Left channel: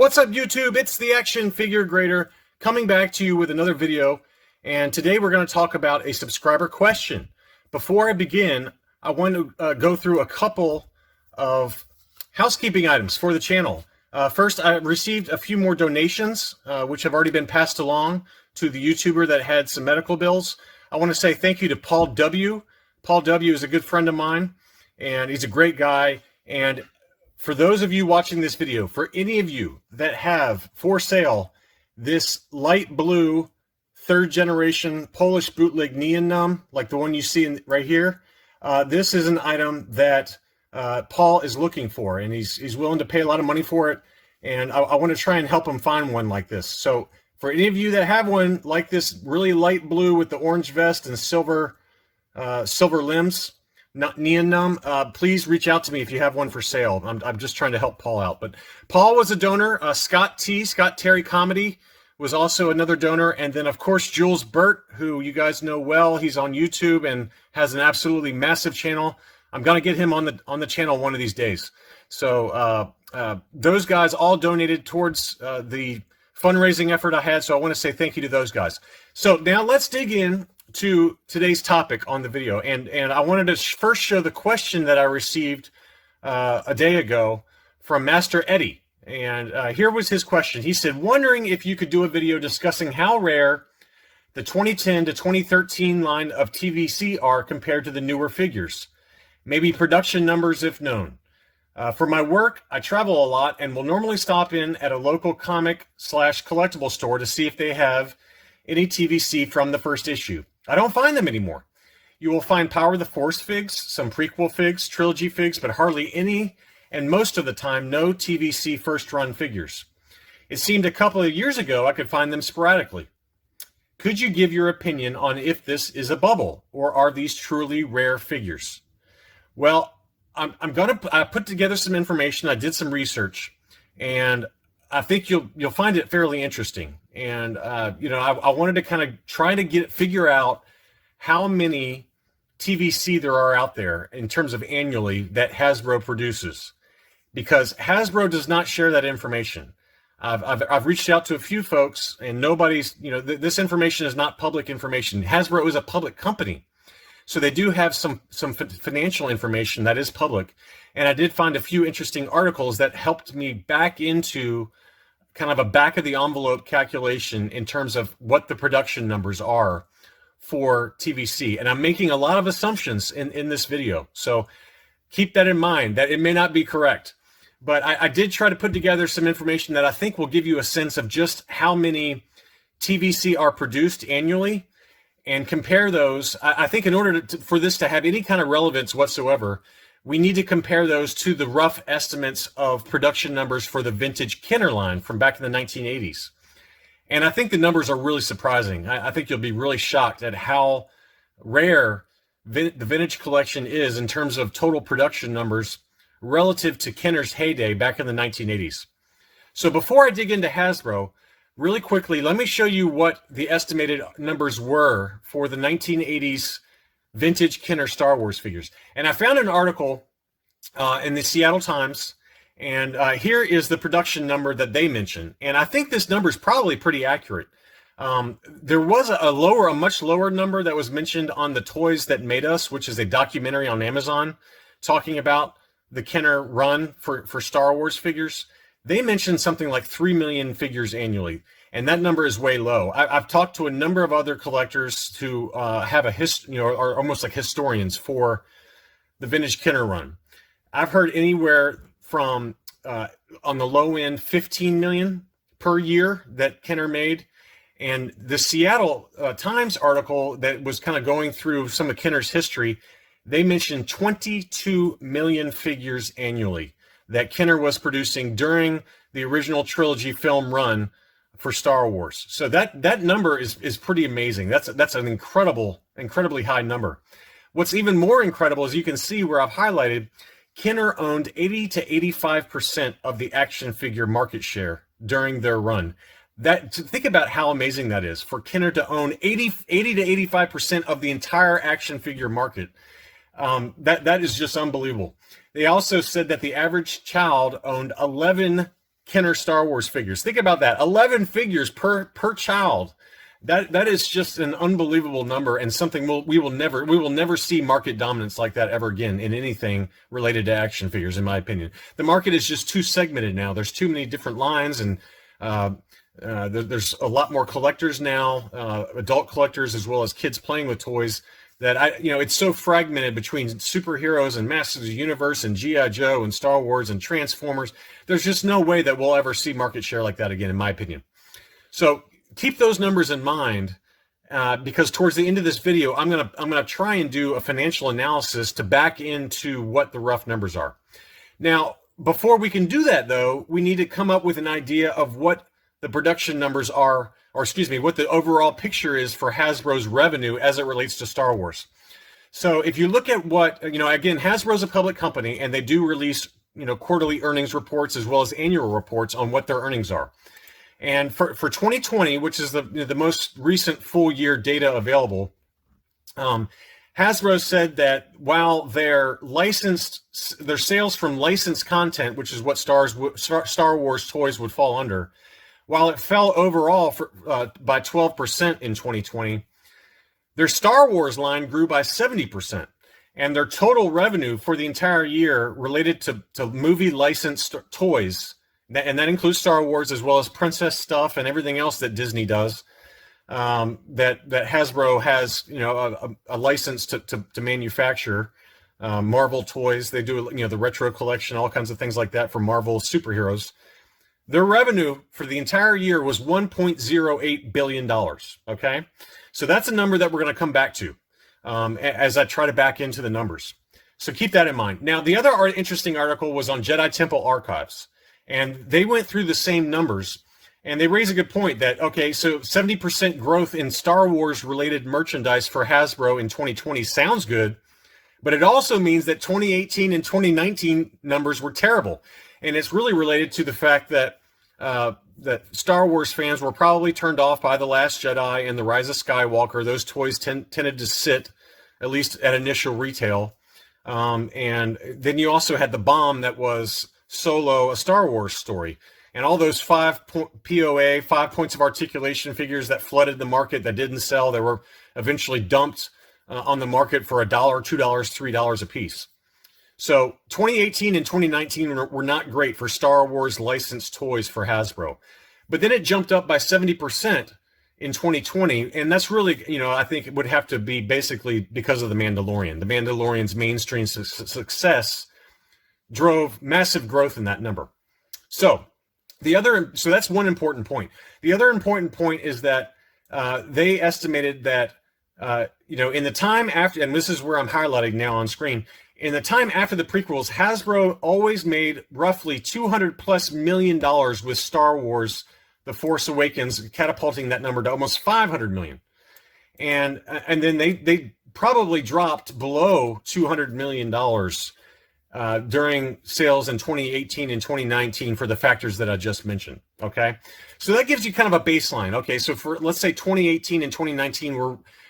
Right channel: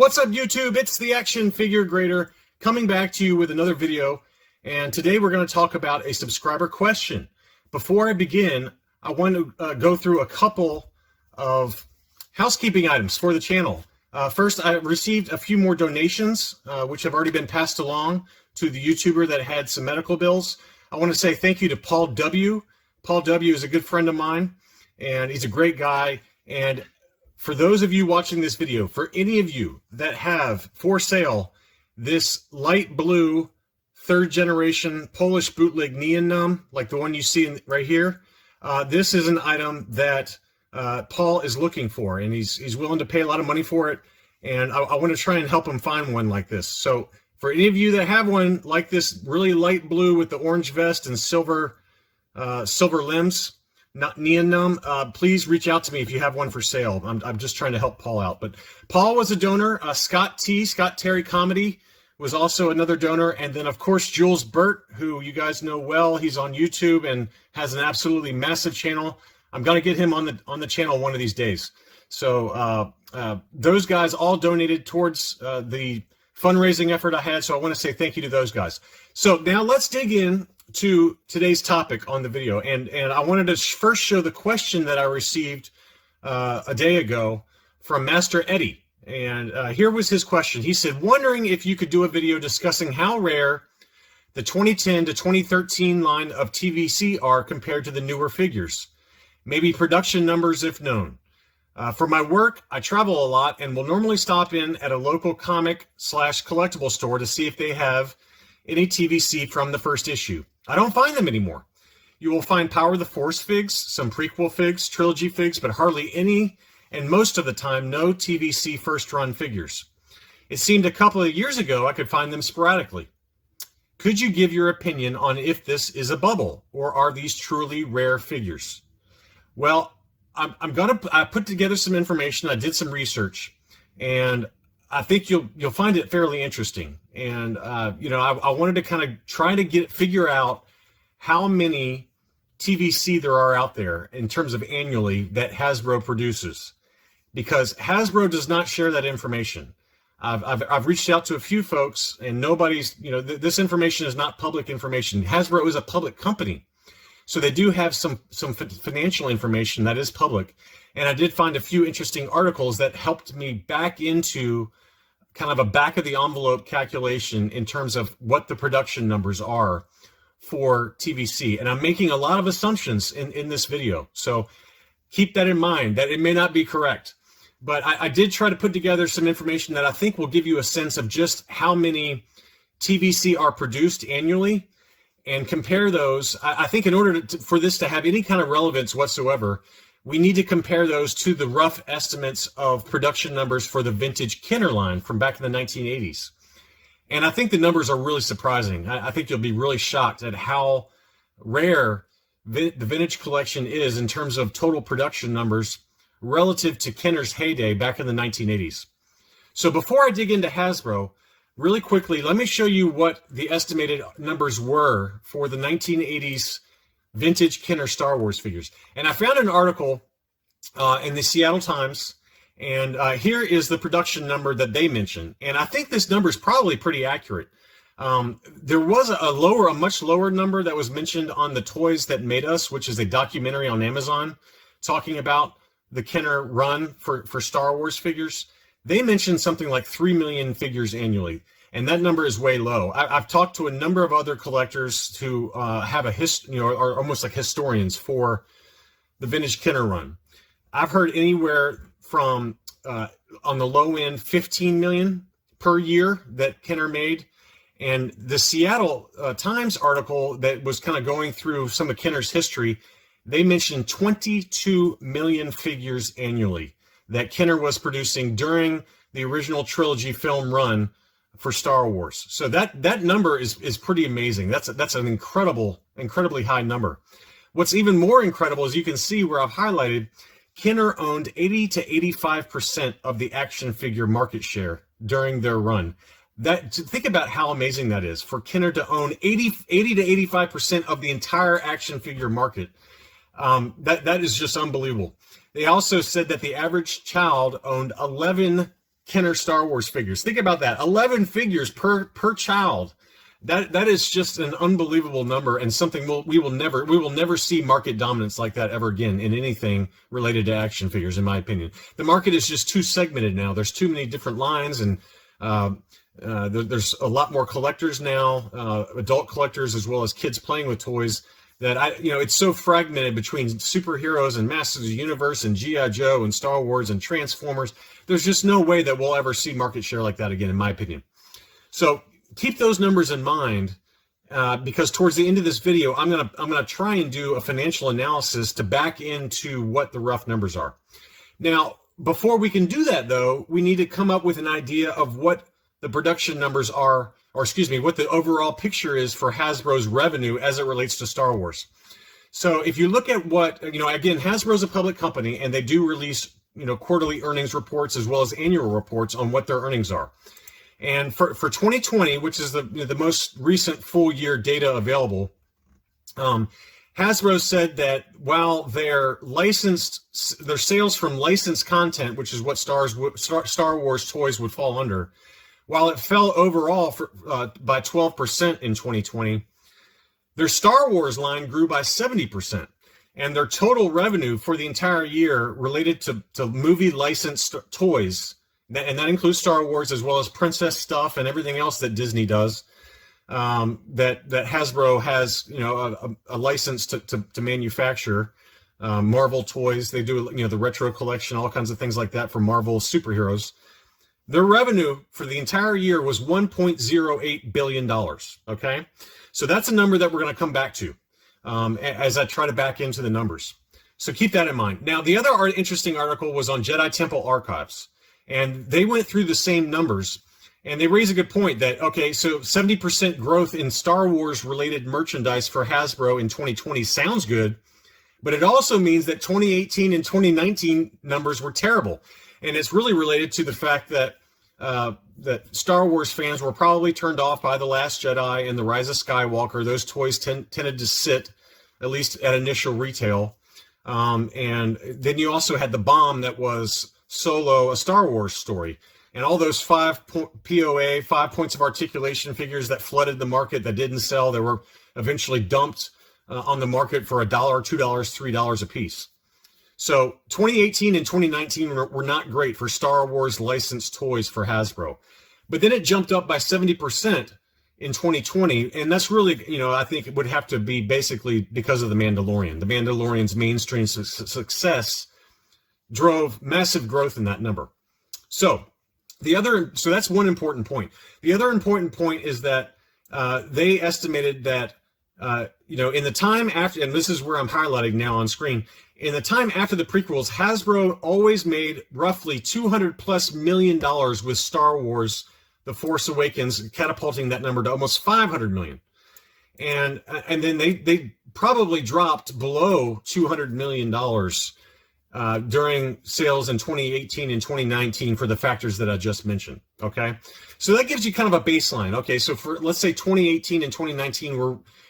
What's up, YouTube? It's the Action Figure Grader coming back to you with another video. And today we're going to talk about a subscriber question. Before I begin, I want to go through a couple of housekeeping items for the channel. First, I received a few more donations, which have already been passed along to the YouTuber that had some medical bills. I want to say thank you to Paul W. Paul W. is a good friend of mine, and he's a great guy. And for those of you watching this video, for any of you that have for sale this light blue third generation Polish bootleg Neon Numb, like the one you see right here, this is an item that Paul is looking for, and he's willing to pay a lot of money for it. And I want to try and help him find one like this. So for any of you that have one like this, really light blue with the orange vest and silver limbs, not Neon Numb, please reach out to me if you have one for sale. I'm just trying to help Paul out. But Paul was a donor. Scott Terry Comedy was also another donor. And then, of course, Jules Burt, who you guys know well. He's on YouTube and has an absolutely massive channel. I'm going to get him on the channel one of these days. So those guys all donated towards the fundraising effort I had. So I want to say thank you to those guys. So now let's dig in to today's topic on the video, and I wanted to first show the question that I received a day ago from Master Eddie. And here was his question. He said, wondering if you could do a video discussing how rare the 2010 to 2013 line of TVC are compared to the newer figures, maybe production numbers if known. For my work, I travel a lot and will normally stop in at a local comic/collectible store to see if they have any TVC from the first issue. I don't find them anymore. You will find Power of the Force figs, some prequel figs, trilogy figs, but hardly any, and most of the time, no TVC first run figures. It seemed a couple of years ago I could find them sporadically. Could you give your opinion on if this is a bubble, or are these truly rare figures? Well, I put together some information. I did some research, and I think you'll find it fairly interesting. And I wanted to kind of try to figure out how many TVC there are out there in terms of annually that Hasbro produces, because Hasbro does not share that information. I've reached out to a few folks, and nobody's, this information is not public information. Hasbro is a public company, so they do have some financial information that is public. And I did find a few interesting articles that helped me back into kind of a back of the envelope calculation in terms of what the production numbers are for TVC. And I'm making a lot of assumptions in this video. So keep that in mind, that it may not be correct. But I did try to put together some information that I think will give you a sense of just how many TVC are produced annually, and compare those. I think in order for this to have any kind of relevance whatsoever, we need to compare those to the rough estimates of production numbers for the vintage Kenner line from back in the 1980s. And I think the numbers are really surprising. I think you'll be really shocked at how rare the vintage collection is in terms of total production numbers relative to Kenner's heyday back in the 1980s. So before I dig into Hasbro, really quickly, let me show you what the estimated numbers were for the 1980s vintage Kenner Star Wars figures. And I found an article in the Seattle Times, and here is the production number that they mentioned. And I think this number is probably pretty accurate. There was a much lower number that was mentioned on The Toys That Made Us, which is a documentary on Amazon talking about the Kenner run for Star Wars figures. They mentioned something like 3 million figures annually, and that number is way low. I've talked to a number of other collectors who have are almost like historians for the vintage Kenner run. I've heard anywhere from, on the low end, 15 million per year that Kenner made. And the Seattle Times article that was kind of going through some of Kenner's history, they mentioned 22 million figures annually that Kenner was producing during the original trilogy film run for Star Wars. So that number is pretty amazing. That's an incredibly high number. What's even more incredible is you can see where I've highlighted Kenner owned 80 to 85% of the action figure market share during their run. Think about how amazing that is for Kenner to own 80 to 85% of the entire action figure market. That is just unbelievable. They also said that the average child owned 11 Kenner Star Wars figures. Think about that. 11 figures per child. That is just an unbelievable number, and something we will never see market dominance like that ever again in anything related to action figures, in my opinion. The market is just too segmented now. There's too many different lines, and there's a lot more collectors now, adult collectors as well as kids playing with toys. That it's so fragmented between superheroes and Masters of the Universe and G.I. Joe and Star Wars and Transformers. There's just no way that we'll ever see market share like that again, in my opinion. So keep those numbers in mind, because towards the end of this video, I'm gonna try and do a financial analysis to back into what the rough numbers are. Now, before we can do that, though, we need to come up with an idea of what the production numbers are, or excuse me, what the overall picture is for Hasbro's revenue as it relates to Star Wars. So if you look at what, again, Hasbro's a public company, and they do release, quarterly earnings reports as well as annual reports on what their earnings are. And for 2020, which is the most recent full year data available, Hasbro said that while their sales from licensed content, which is what Star Wars toys would fall under, while it fell overall by 12% in 2020, their Star Wars line grew by 70%. And their total revenue for the entire year related to movie licensed toys, and that includes Star Wars as well as princess stuff and everything else that Disney does, that Hasbro has, a license to manufacture. Marvel toys, they do, the retro collection, all kinds of things like that for Marvel superheroes. Their revenue for the entire year was $1.08 billion. Okay, so that's a number that we're going to come back to as I try to back into the numbers. So keep that in mind. Now, the other interesting article was on Jedi Temple Archives. And they went through the same numbers, and they raise a good point that, okay, so 70% growth in Star Wars related merchandise for Hasbro in 2020 sounds good, but it also means that 2018 and 2019 numbers were terrible. And it's really related to the fact that that Star Wars fans were probably turned off by The Last Jedi and The Rise of Skywalker. Those toys tended to sit, at least at initial retail. And then you also had the bomb that was Solo, a Star Wars story, and all those 5 POA, 5 points of articulation figures that flooded the market that didn't sell. They were eventually dumped on the market for $1, $2, $3 a piece. So 2018 and 2019 were not great for Star Wars licensed toys for Hasbro, but then it jumped up by 70% in 2020, and that's really, I think it would have to be basically because of The Mandalorian. The Mandalorian's mainstream success drove massive growth in that number. So that's one important point. The other important point is that they estimated that in the time after, and this is where I'm highlighting now on screen, in the time after the prequels, Hasbro always made roughly $200+ million with Star Wars: The Force Awakens, catapulting that number to almost $500 million. And then they probably dropped below $200 million during sales in 2018 and 2019 for the factors that I just mentioned. Okay, so that gives you kind of a baseline. Okay, so for, let's say, 2018 and 2019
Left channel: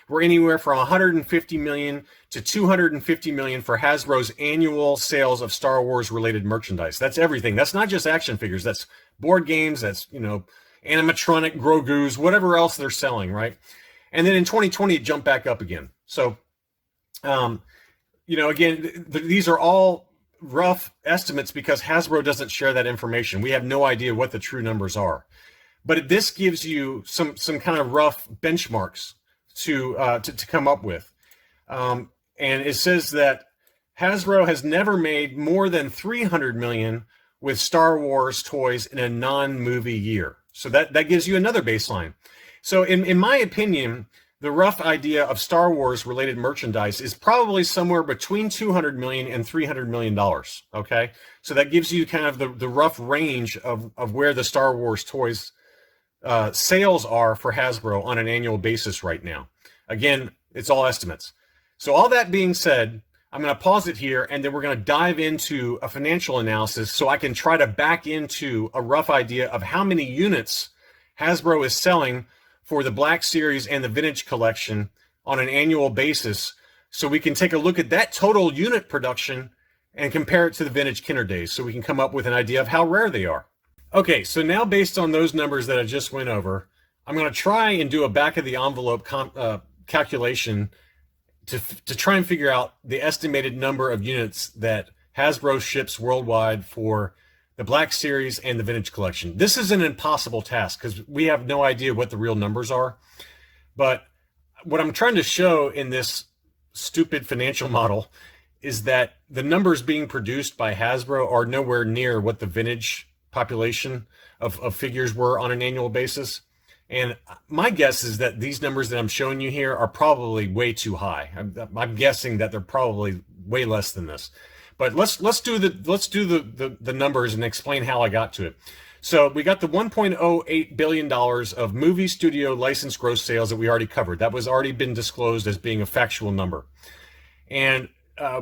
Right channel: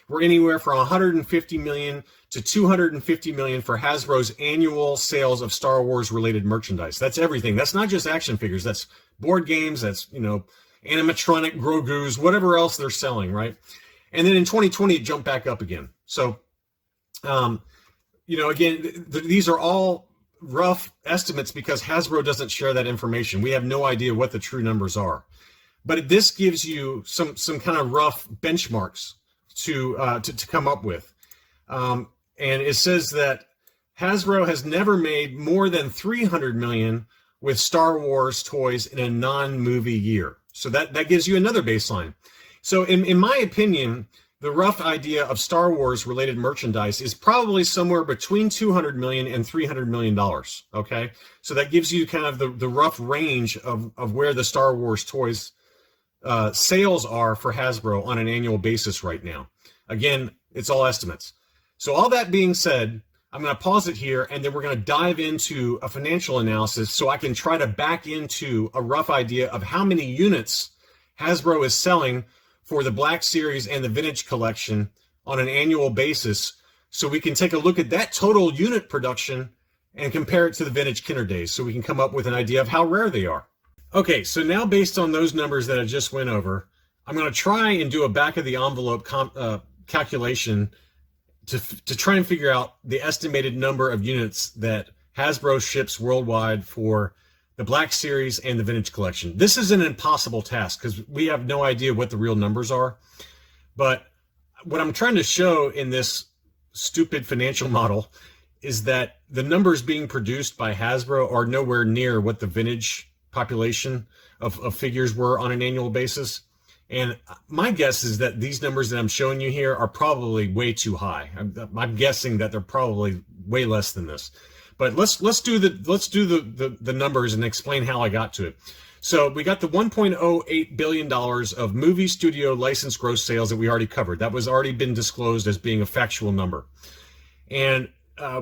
we're anywhere from 150 million to 250 million for Hasbro's annual sales of Star Wars related merchandise. That's everything. That's not just action figures. That's board games. That's, animatronic Grogu's, whatever else they're selling, right? And then in 2020 it jumped back up again. So again, these are all rough estimates because Hasbro doesn't share that information. We have no idea what the true numbers are, but this gives you some kind of rough benchmarks to come up with. And it says that Hasbro has never made more than 300 million with Star Wars toys in a non-movie year. So that gives you another baseline. So in my opinion, the rough idea of Star Wars related merchandise is probably somewhere between 200 million and $300 million. Okay, so that gives you kind of the rough range of where the Star Wars toys sales are for Hasbro on an annual basis right now. Again, it's all estimates. So all that being said, I'm going to pause it here, and then we're going to dive into a financial analysis so I can try to back into a rough idea of how many units Hasbro is selling for the Black Series and the Vintage Collection on an annual basis, so we can take a look at that total unit production and compare it to the Vintage Kenner days, so we can come up with an idea of how rare they are. Okay, so now based on those numbers that I just went over, I'm going to try and do a back of the envelope calculation to try and figure out the estimated number of units that Hasbro ships worldwide for the Black Series and the Vintage Collection. This is an impossible task because we have no idea what the real numbers are. But what I'm trying to show in this stupid financial model is that the numbers being produced by Hasbro are nowhere near what the vintage population of figures were on an annual basis. And my guess is that these numbers that I'm showing you here are probably way too high. I'm guessing that they're probably way less than this. But let's do the numbers and explain how I got to it. So we got the $1.08 billion of movie studio license gross sales that we already covered. That was already been disclosed as being a factual number. And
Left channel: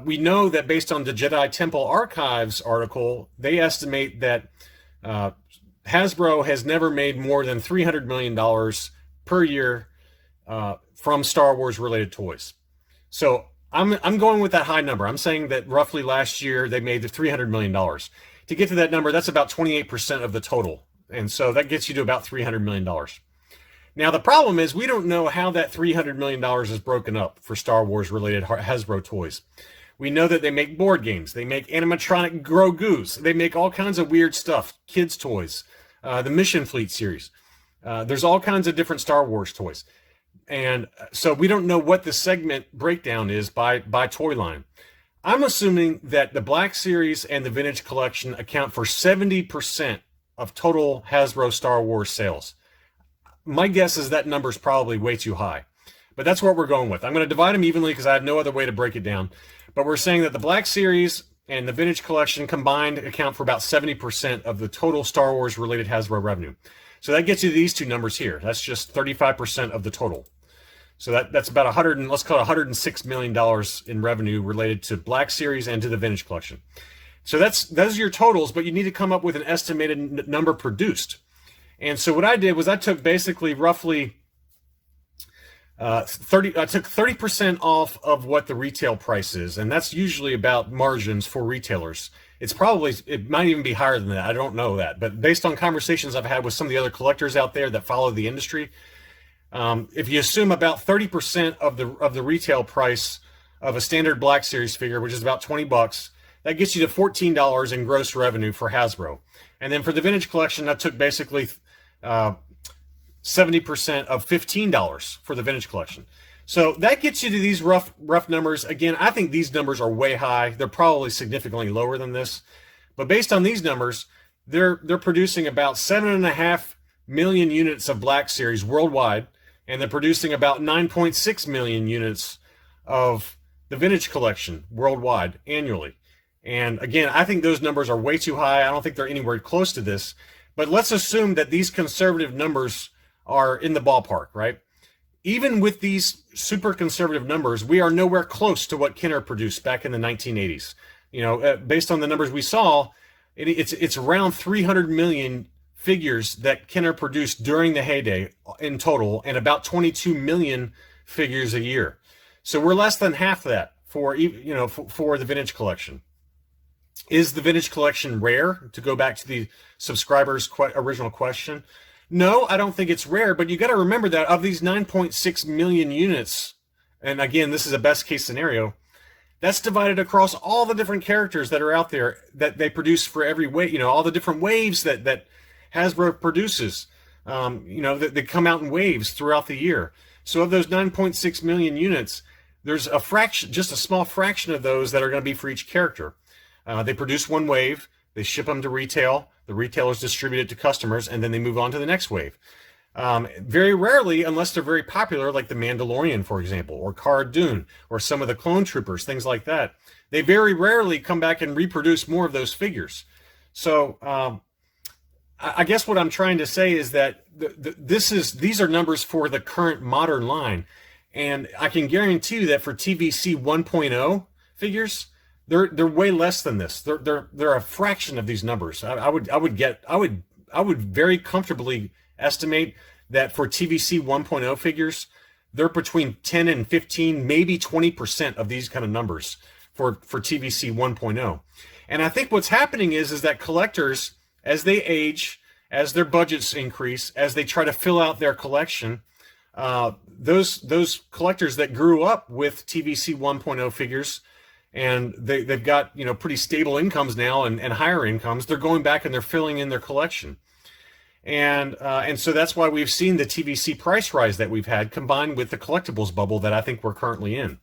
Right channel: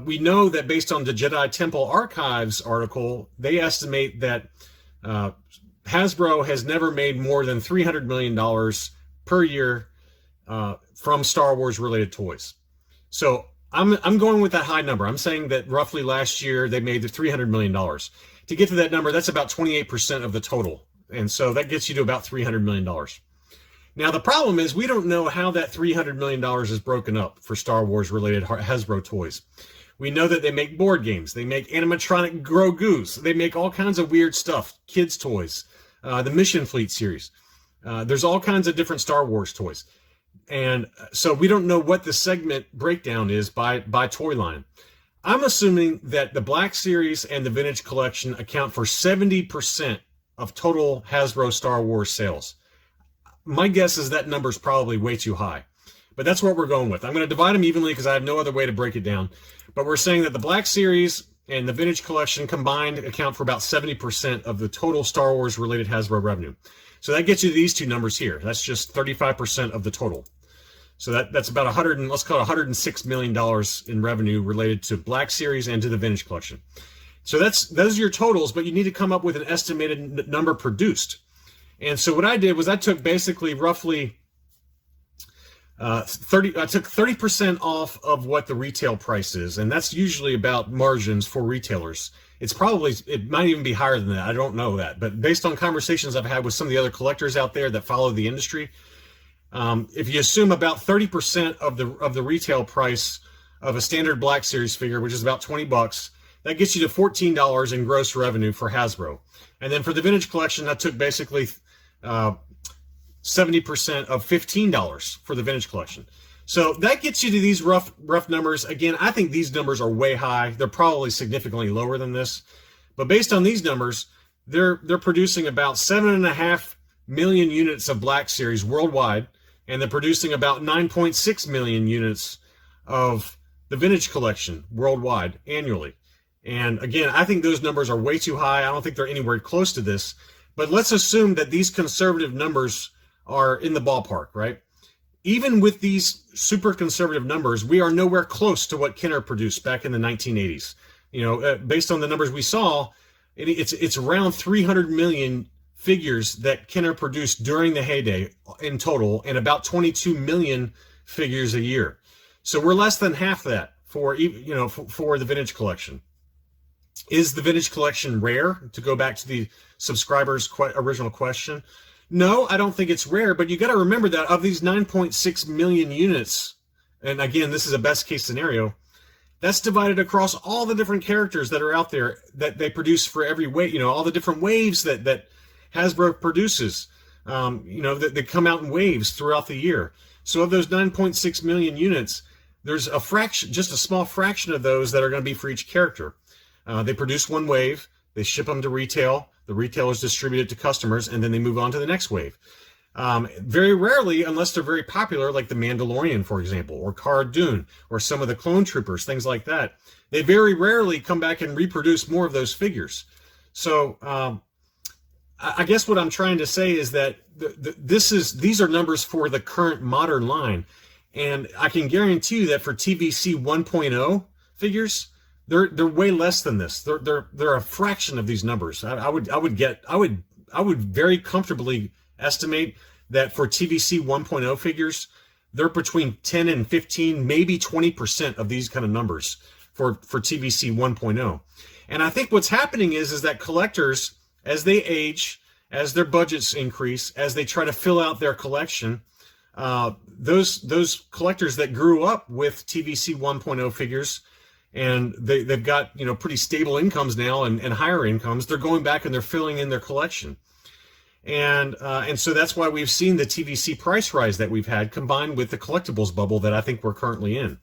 we know that based on the Jedi Temple Archives article, they estimate that Hasbro has never made more than $300 million per year from Star Wars related toys. So I'm going with that high number. I'm saying that roughly last year they made $300 million. To get to that number, that's about 28% of the total. And so that gets you to about $300 million. Now, the problem is we don't know how that $300 million is broken up for Star Wars related Hasbro toys. We know that they make board games. They make animatronic Grogu's. They make all kinds of weird stuff, kids' toys, the Mission Fleet series. There's all kinds of different Star Wars toys. And so we don't know what the segment breakdown is by toy line. I'm assuming that the Black Series and the Vintage Collection account for 70% of total Hasbro Star Wars sales. My guess is that number is probably way too high, but that's what we're going with. I'm going to divide them evenly because I have no other way to break it down. But we're saying that the Black Series and the Vintage Collection combined account for about 70% of the total Star Wars related Hasbro revenue. So that gets you these two numbers here. That's just 35% of the total. So that's about let's call it $106 million in revenue related to Black Series and to the Vintage Collection. So those are your totals, but you need to come up with an estimated number produced. And so what I did was I took basically roughly I took 30% off of what the retail price is, and that's usually about margins for retailers. It might even be higher than that. I don't know that, but based on conversations I've had with some of the other collectors out there that follow the industry, if you assume about 30% of the retail price of a standard Black Series figure, which is about $20, that gets you to $14 in gross revenue for Hasbro. And then for the Vintage Collection, I took basically 70% of $15 for the Vintage Collection. So that gets you to these rough numbers. Again, I think these numbers are way high. They're probably significantly lower than this. But based on these numbers, they're producing about 7.5 million units of Black Series worldwide, and they're producing about 9.6 million units of the Vintage Collection worldwide annually. And again, I think those numbers are way too high. I don't think they're anywhere close to this. But let's assume that these conservative numbers are in the ballpark, right? Even with these super conservative numbers, we are nowhere close to what Kenner produced back in the 1980s. Based on the numbers we saw, it's around 300 million figures that Kenner produced during the heyday in total, and about 22 million figures a year. So we're less than half that for the Vintage Collection. Is the Vintage Collection rare? To go back to the subscriber's original question, no, I don't think it's rare, but you got to remember that of these 9.6 million units, and again, this is a best case scenario, that's divided across all the different characters that are out there that they produce for every wave, all the different waves that Hasbro produces, that they come out in waves throughout the year. So of those 9.6 million units, there's a fraction, just a small fraction of those that are going to be for each character. They produce one wave, they ship them to retail, the retailers distribute it to customers, and then they move on to the next wave. Very rarely, unless they're very popular, like the Mandalorian, for example, or Cara Dune, or some of the Clone Troopers, things like that, they very rarely come back and reproduce more of those figures. So I guess what I'm trying to say is that these are numbers for the current modern line, and I can guarantee you that for TVC 1.0 figures, they're way less than this. They're a fraction of these numbers. I would very comfortably estimate that for TVC 1.0 figures, they're between 10 and 15, maybe 20% of these kind of numbers for TVC 1.0. And I think what's happening is that collectors as they age, as their budgets increase, as they try to fill out their collection, those collectors that grew up with TVC 1.0 figures, and they've got pretty stable incomes now and higher incomes, they're going back and they're filling in their collection. And so that's why we've seen the TVC price rise that we've had, combined with the collectibles bubble that I think we're currently in.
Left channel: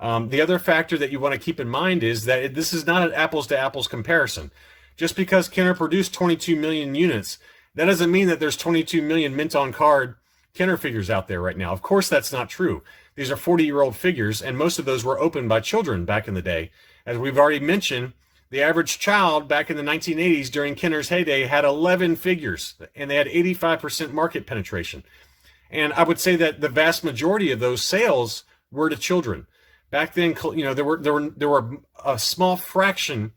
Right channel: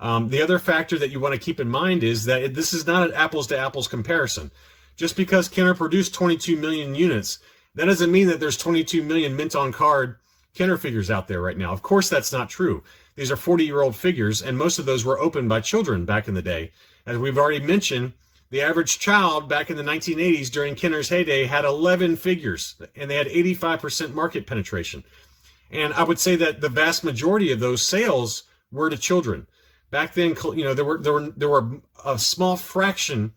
The other factor that you want to keep in mind is that this is not an apples to apples comparison. Just because Kenner produced 22 million units, that doesn't mean that there's 22 million mint on card Kenner figures out there right now. Of course, that's not true. These are 40-year-old figures, and most of those were opened by children back in the day. As we've already mentioned, the average child back in the 1980s during Kenner's heyday had 11 figures, and they had 85% market penetration. And I would say that the vast majority of those sales were to children. Back then, there were a small fraction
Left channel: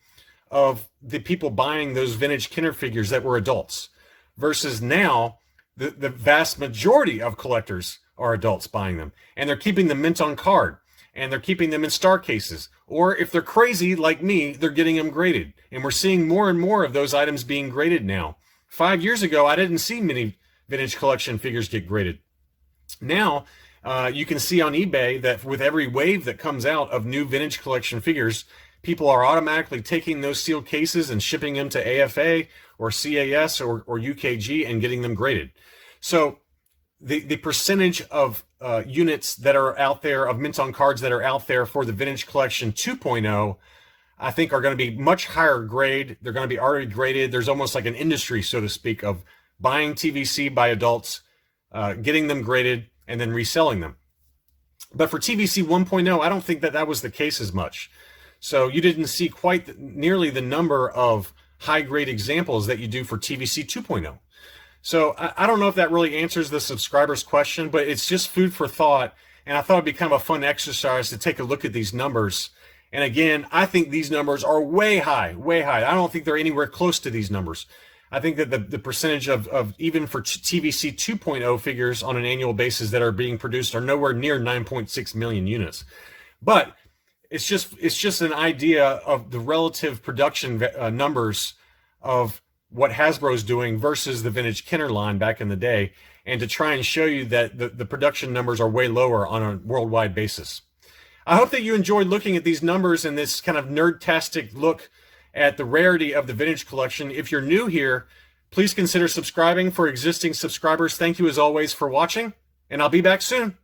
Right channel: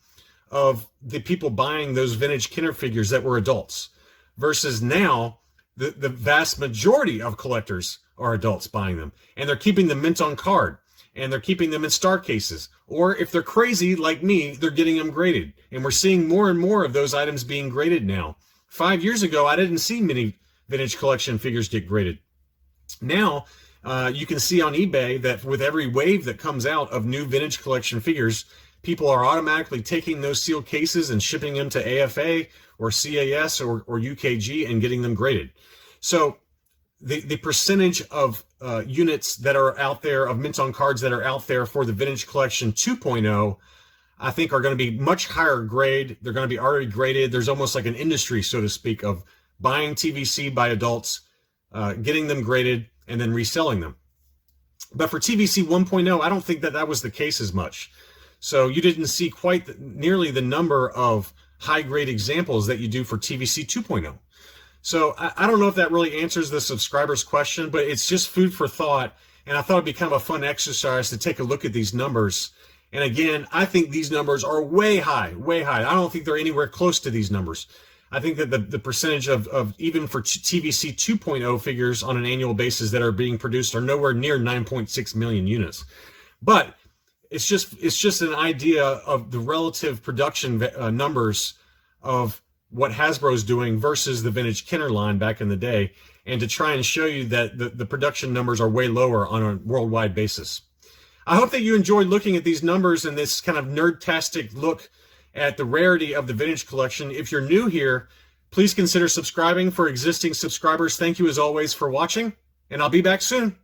of the people buying those vintage Kenner figures that were adults, versus now the vast majority of collectors are adults buying them, and they're keeping them mint on card, and they're keeping them in star cases, or if they're crazy like me, they're getting them graded. And we're seeing more and more of those items being graded now. 5 years ago, I didn't see many vintage collection figures get graded. Now, you can see on eBay that with every wave that comes out of new vintage collection figures, people are automatically taking those sealed cases and shipping them to AFA or CAS or UKG and getting them graded. So the percentage of units that are out there, of mint on cards that are out there for the Vintage Collection 2.0, I think are going to be much higher grade. They're going to be already graded. There's almost like an industry, so to speak, of buying TVC by adults, getting them graded, and then reselling them. But for TVC 1.0, I don't think that was the case as much. So you didn't see quite nearly the number of high-grade examples that you do for TVC 2.0. So I don't know if that really answers the subscriber's question, but it's just food for thought. And I thought it'd be kind of a fun exercise to take a look at these numbers. And again, I think these numbers are way high, way high. I don't think they're anywhere close to these numbers. I think that the percentage of even for TVC 2.0 figures on an annual basis that are being produced are nowhere near 9.6 million units. But it's just an idea of the relative production numbers of what Hasbro's doing versus the vintage Kenner line back in the day, and to try and show you that the production numbers are way lower on a worldwide basis. I hope that you enjoyed looking at these numbers and this kind of nerd-tastic look at the rarity of the vintage collection. If you're new here, please consider subscribing. For existing subscribers, thank you as always for watching, and I'll be back soon.